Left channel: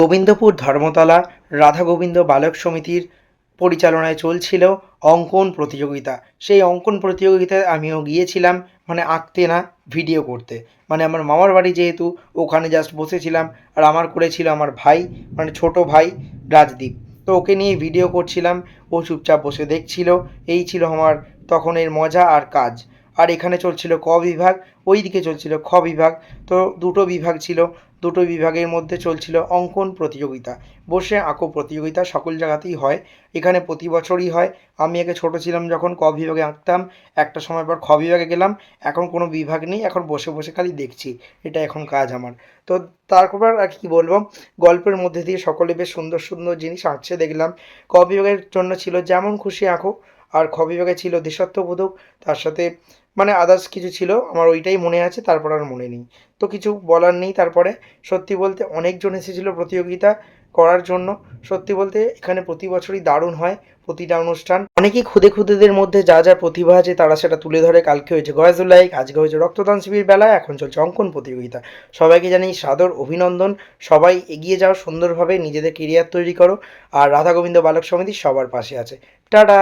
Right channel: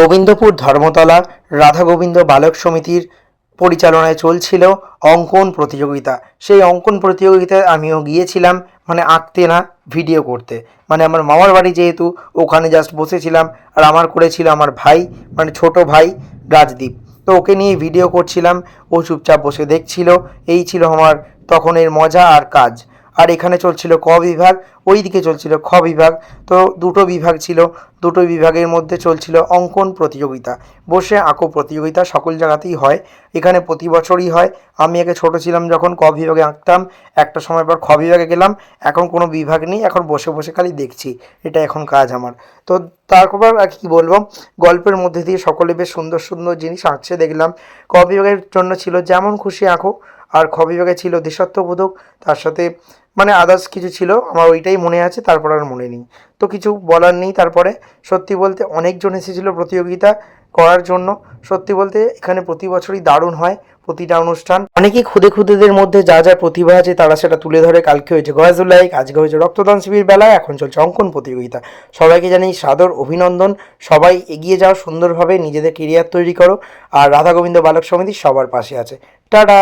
গোবিন্দপুর ধর্মতলা রাধা গোবিন্দ বালক সমিতির পরিচালনায় চলছিল অঙ্কন প্রতিযোগিতা। সেই অঙ্কন প্রতিযোগিতায় আমিও গিয়েছিলাম, মানে আঁকতে না, ভিডিও করতে। মানে আমার মামার বাড়ি যেহেতু, ওখানে জাস্ট বসেছিলাম। আর আমার করেছিল আমার ভাই, মানে ছোট ভাই রাজদীপ। তো ওকে নিয়ে ভিডিও করছিলাম, ও চুপচাপ বসে দেখছিল। এই ছিল আমার তখনের মজা আর কাজ। আর এখানে চলছিল ক বিভাগ, ওই দিকে চলছিল খ বিভাগ। তো দুটো বিভাগ ছিল, দুটো বিভাগের মধ্যে চলছিল অঙ্কন প্রতিযোগিতা। বসে আঁকো প্রতিযোগিতা সকল জায়গাতেই হয়, এখানে প্রতি বছরই হয়। আমি আগে ছোট ছিলাম যখন ক বিভাগে আঁকতাম, একটা সময় পর খ বিভাগে গেলাম। এখন কোনো বিভাগ নেই, এখন বসে বসে খালি দেখছি, এটা এখন কাজ আমার। তো তারপর আর কি বলবো, গল্পের মধ্যে দিয়ে সকলে বেশ সুন্দর সুন্দর জিনিস আঁকছে দেখলাম। ক বিভাগের জন্য ছিল যেমন খুশি আঁকো, আর খ বিভাগে ছিল দেশাত্মবোধক, তার সাথে মানে আদার্স কিছু ছিল, আমার ওইটাই মনে আছে, তারপর আর মনে নেই। তো কিছু বলার নেই। তারপরে সত্যি বলতে অনেকজন এসেছিল প্রতিযোগিতা করার জন্য। সত্যি বলতে এখানে প্রতি বছরই দারুণ হয় প্রতিটা অনুষ্ঠান। অনেকেই খুদে খুদেদের মধ্যে যা যা প্রতিভা আছে তারা সেটা তুলে ধরে। কালকে হয়েছে গয়াজুল্লাইক, আজকে হয়েছে রক্তদান শিবির বেলায়, এখন চলছে অঙ্কন প্রতিযোগিতা। সবাইকে জানাই সাদর অভিনন্দন। সবাই এগিয়ে যাও, সুন্দরভাবে নিজেদের কেরিয়ার তৈরি করো। আর রাধা গোবিন্দ বালক সমিতি সবার পাশে আছে। টাটা।